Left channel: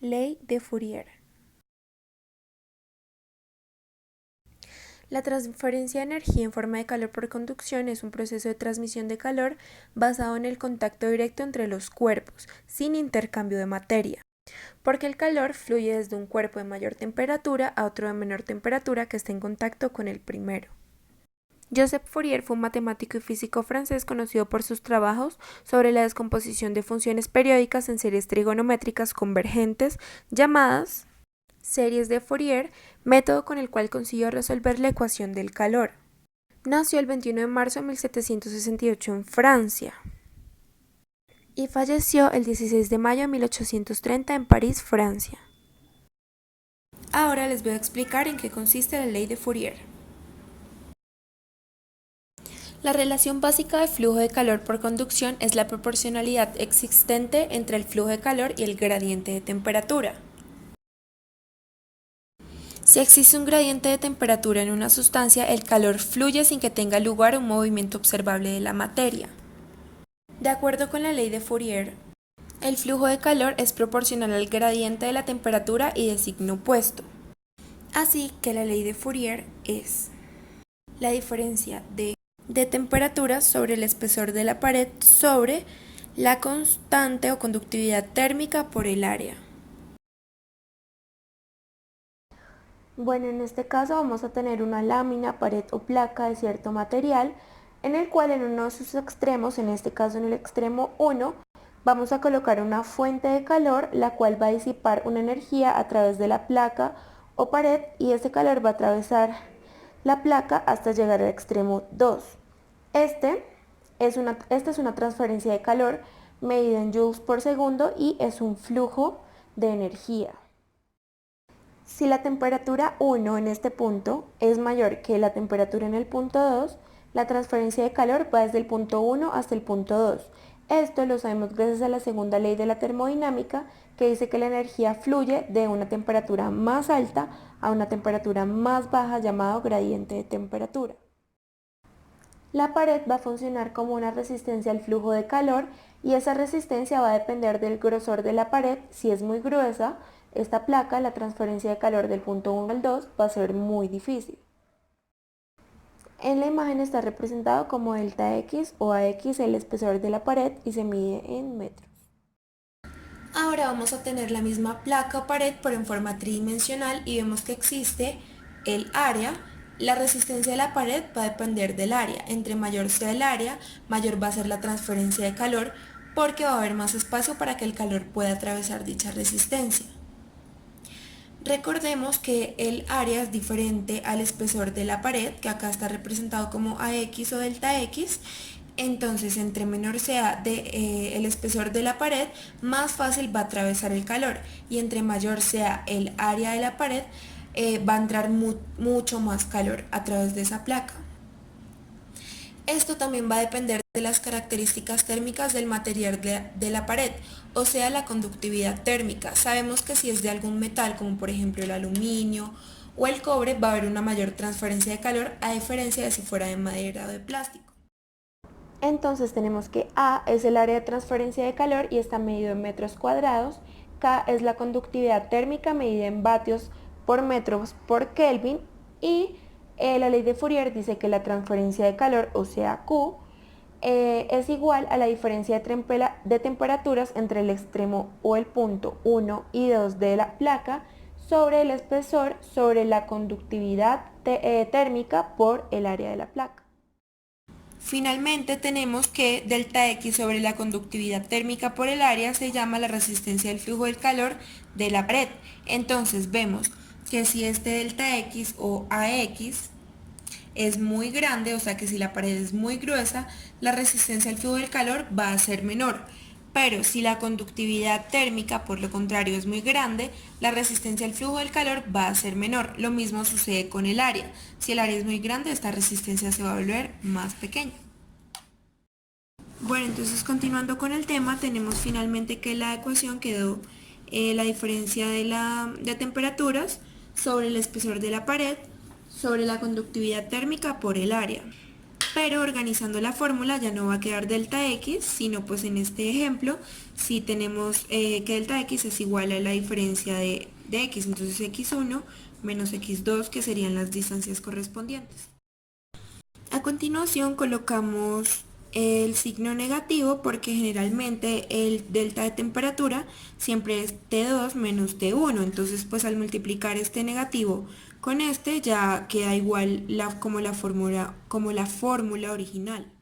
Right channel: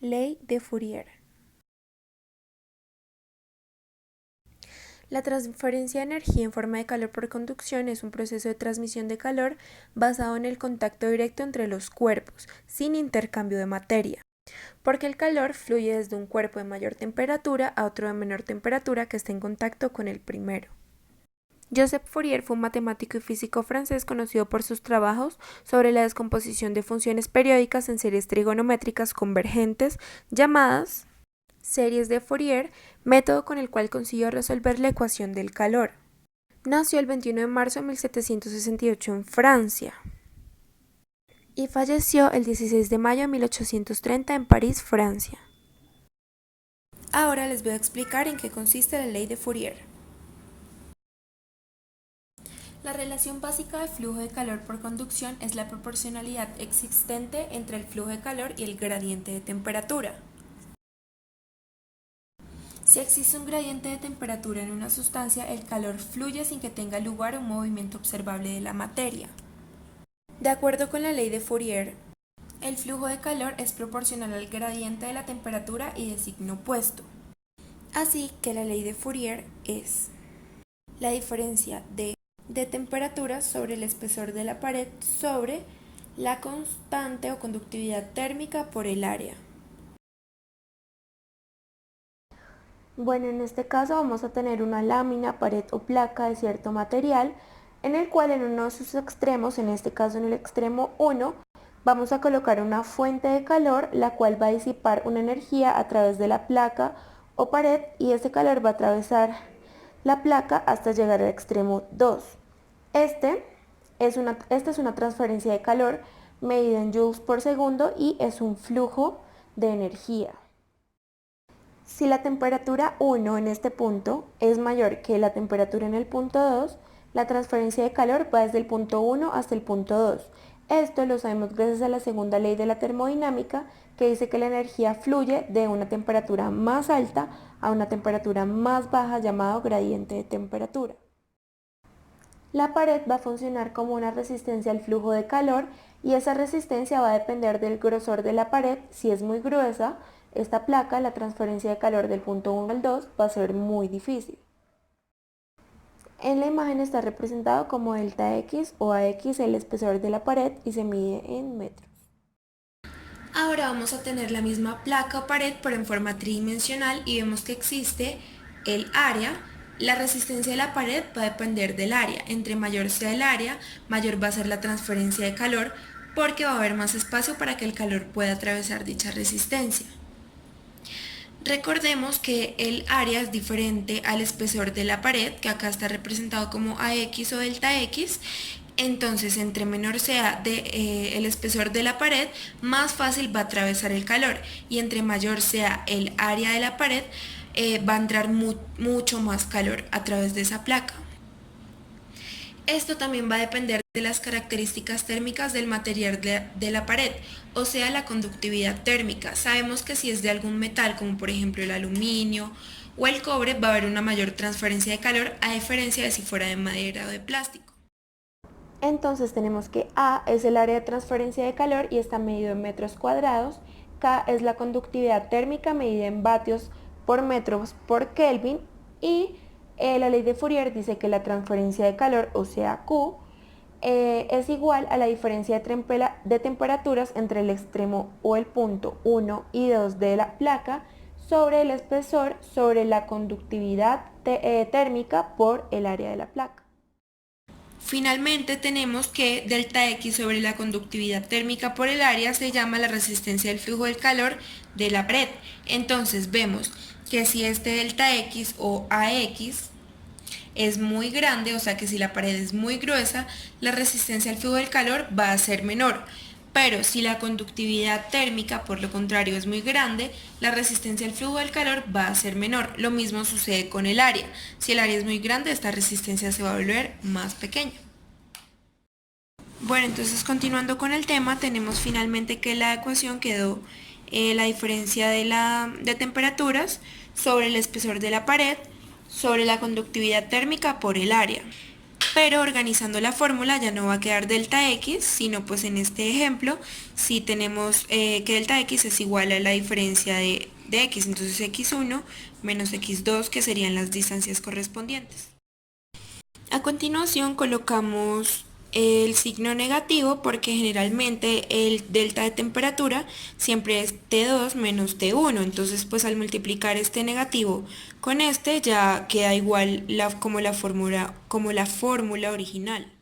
Ley de Fourier. La transferencia de energía en forma de calor por conducción es un proceso de transmisión de calor basado en el contacto directo entre los cuerpos, sin intercambio de materia, porque el calor fluye desde un cuerpo de mayor temperatura a otro de menor temperatura que esté en contacto con el primero. Joseph Fourier fue un matemático y físico francés conocido por sus trabajos sobre la descomposición de funciones periódicas en series trigonométricas convergentes llamadas series de Fourier, método con el cual consiguió resolver la ecuación del calor. Nació el 21 de marzo de 1768 en Francia y falleció el 16 de mayo de 1830 en París, Francia. Ahora les voy a explicar en qué consiste la ley de Fourier. La relación básica de flujo de calor por conducción es la proporcionalidad existente entre el flujo de calor y el gradiente de temperatura. Si existe un gradiente de temperatura en una sustancia, el calor fluye sin que tenga lugar un movimiento observable de la materia. De acuerdo con la ley de Fourier, el flujo de calor es proporcional al gradiente de la temperatura y de signo opuesto. Así que la ley de Fourier es la diferencia de temperatura sobre el espesor de la pared sobre la constante o conductividad térmica por el área. Bueno, en este caso vamos a tener una lámina, pared o placa de cierto material en el cual en uno de sus extremos, en este caso en el extremo 1, vamos a colocar una fuente de calor la cual va a disipar una energía a través de la placa o pared y ese calor va a atravesar la placa hasta llegar al extremo 2. Esta es una transferencia de calor medida en joules por segundo y es un flujo de energía. Si la temperatura 1 en este punto es mayor que la temperatura en el punto 2, la transferencia de calor va desde el punto 1 hasta el punto 2. Esto lo sabemos gracias a la segunda ley de la termodinámica, que dice que la energía fluye de una temperatura más alta a una temperatura más baja, llamado gradiente de temperatura. La pared va a funcionar como una resistencia al flujo de calor y esa resistencia va a depender del grosor de la pared. Si es muy gruesa, esta placa, la transferencia de calor del punto 1 al 2 va a ser muy difícil. En la imagen está representado como delta X o AX el espesor de la pared y se mide en metros. Ahora vamos a tener la misma placa o pared pero en forma tridimensional y vemos que existe el área. La resistencia de la pared va a depender del área. Entre mayor sea el área, mayor va a ser la transferencia de calor porque va a haber más espacio para que el calor pueda atravesar dicha resistencia. Recordemos que el área es diferente al espesor de la pared, que acá está representado como AX o delta X. Entonces, entre menor sea el espesor de la pared, más fácil va a atravesar el calor. Y entre mayor sea el área de la pared, va a entrar mucho más calor a través de esa placa. Esto también va a depender de las características térmicas del material de la pared, o sea, la conductividad térmica. Sabemos que si es de algún metal, como por ejemplo el aluminio o el cobre, va a haber una mayor transferencia de calor a diferencia de si fuera de madera o de plástico. Entonces tenemos que A es el área de transferencia de calor y está medido en metros cuadrados. K es la conductividad térmica medida en vatios por metros por Kelvin y la ley de Fourier dice que la transferencia de calor, o sea Q, es igual a la diferencia de temperaturas entre el extremo o el punto 1 y 2 de la placa sobre el espesor sobre la conductividad térmica por el área de la placa. Finalmente tenemos que delta X sobre la conductividad térmica por el área se llama la resistencia del flujo del calor de la pared. Entonces vemos que si este delta X o AX es muy grande, o sea que si la pared es muy gruesa, la resistencia al flujo del calor va a ser menor. Pero si la conductividad térmica, por lo contrario, es muy grande, la resistencia al flujo del calor va a ser menor. Lo mismo sucede con el área. Si el área es muy grande, esta resistencia se va a volver más pequeña. Bueno, entonces continuando con el tema, tenemos finalmente que la ecuación quedó la diferencia de temperaturas sobre el espesor de la pared sobre la conductividad térmica por el área. pero organizando la fórmula ya no va a quedar delta x, sino pues en este ejemplo si tenemos que delta x es igual a la diferencia de x, entonces x1 menos x2, que serían las distancias correspondientes. A continuación colocamos el signo negativo porque generalmente el delta de temperatura siempre es T2 menos T1, entonces pues al multiplicar este negativo con este ya queda igual como la fórmula original.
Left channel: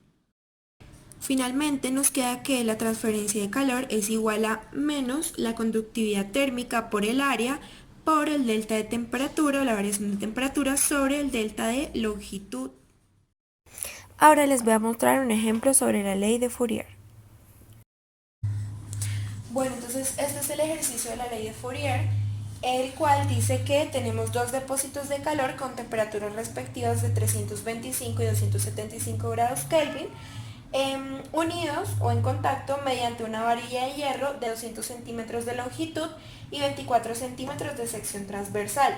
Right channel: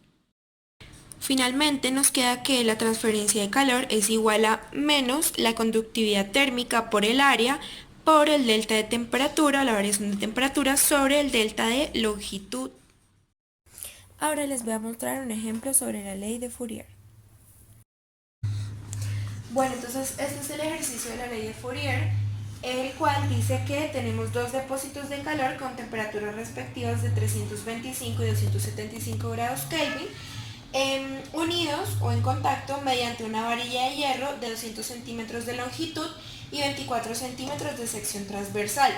Finalmente nos queda que la transferencia de calor es igual a menos la conductividad térmica por el área por el delta de temperatura, la variación de temperatura sobre el delta de longitud. Ahora les voy a mostrar un ejemplo sobre la ley de Fourier. Bueno, entonces este es el ejercicio de la ley de Fourier, el cual dice que tenemos dos depósitos de calor con temperaturas respectivas de 325 y 275 grados Kelvin, unidos o en contacto mediante una varilla de hierro de 200 centímetros de longitud y 24 centímetros de sección transversal.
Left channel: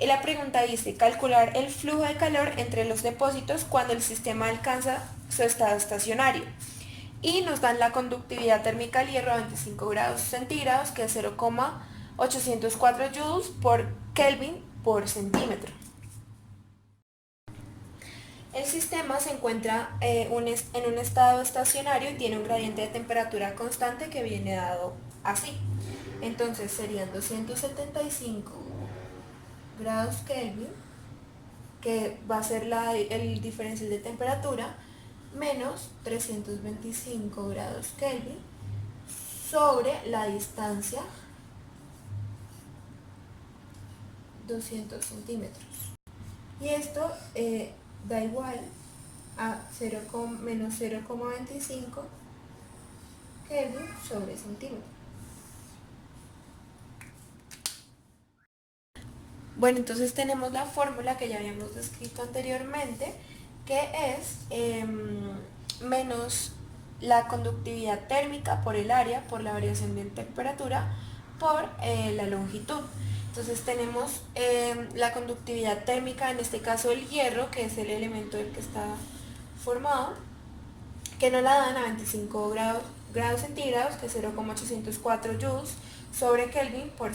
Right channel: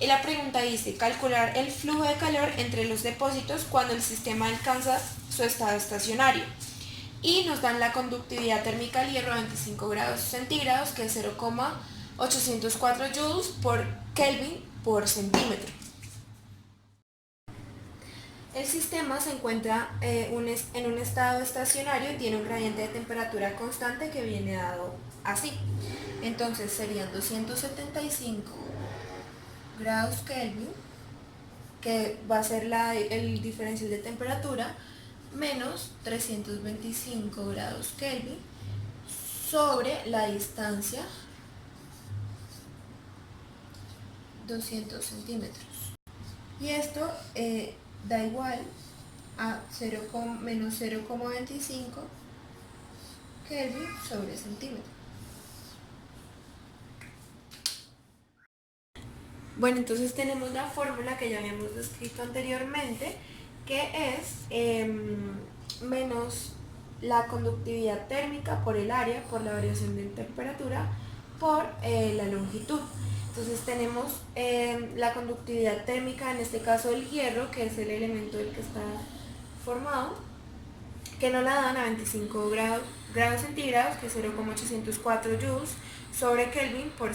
Y la pregunta dice, calcular el flujo de calor entre los depósitos cuando el sistema alcanza su estado estacionario. Y nos dan la conductividad térmica al hierro a 25 grados centígrados, que es 0,804 joules por Kelvin por centímetro. El sistema se encuentra en un estado estacionario y tiene un gradiente de temperatura constante que viene dado así. Entonces serían 275 grados Kelvin, que va a ser el diferencial de temperatura, menos 325 grados Kelvin sobre la distancia 200 centímetros. Y esto da igual a menos 0,25 Kelvin sobre centímetro. Bueno, entonces tenemos la fórmula que ya habíamos descrito anteriormente, que es menos la conductividad térmica por el área, por la variación de temperatura, por la longitud. Entonces tenemos la conductividad térmica, en este caso el hierro, que es el elemento del que está formado, que nos la dan a 25 grados centígrados, que es 0,804 joules sobre Kelvin por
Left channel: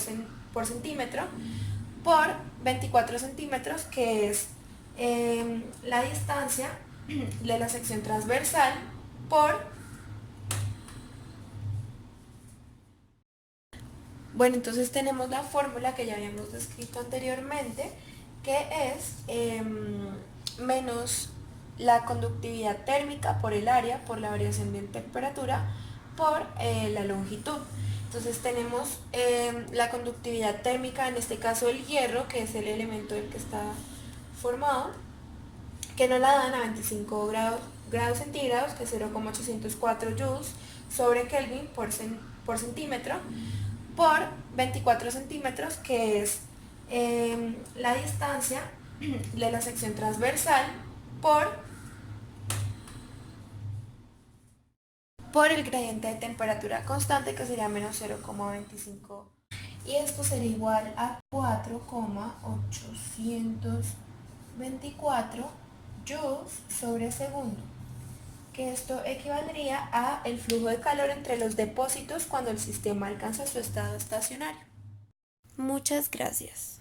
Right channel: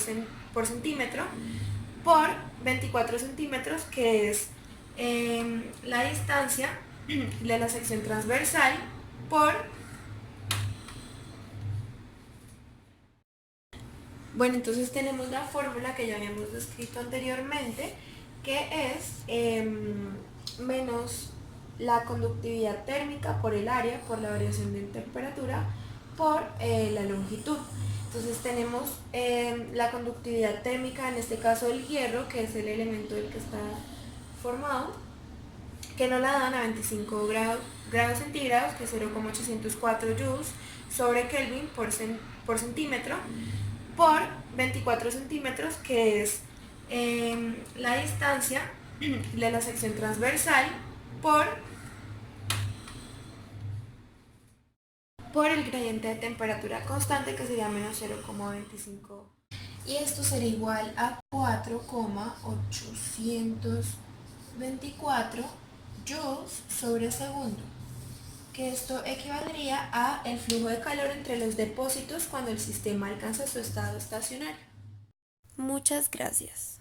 centímetro, por 24 centímetros, que es la distancia de la sección transversal, Bueno, entonces tenemos la fórmula que ya habíamos descrito anteriormente, que es menos la conductividad térmica por el área, por la variación de temperatura, por la longitud. Entonces tenemos la conductividad térmica, en este caso el hierro, que es el elemento del que está formado, que nos la dan a 25 grados centígrados, que es 0,804 joules sobre Kelvin por centímetro, por 24 centímetros, que es la distancia de la sección transversal, por el gradiente de temperatura constante, que sería menos 0,25, y esto sería igual a 4,824 joules sobre segundo, que esto equivaldría a el flujo de calor entre los depósitos cuando el sistema alcanza su estado estacionario. Muchas gracias.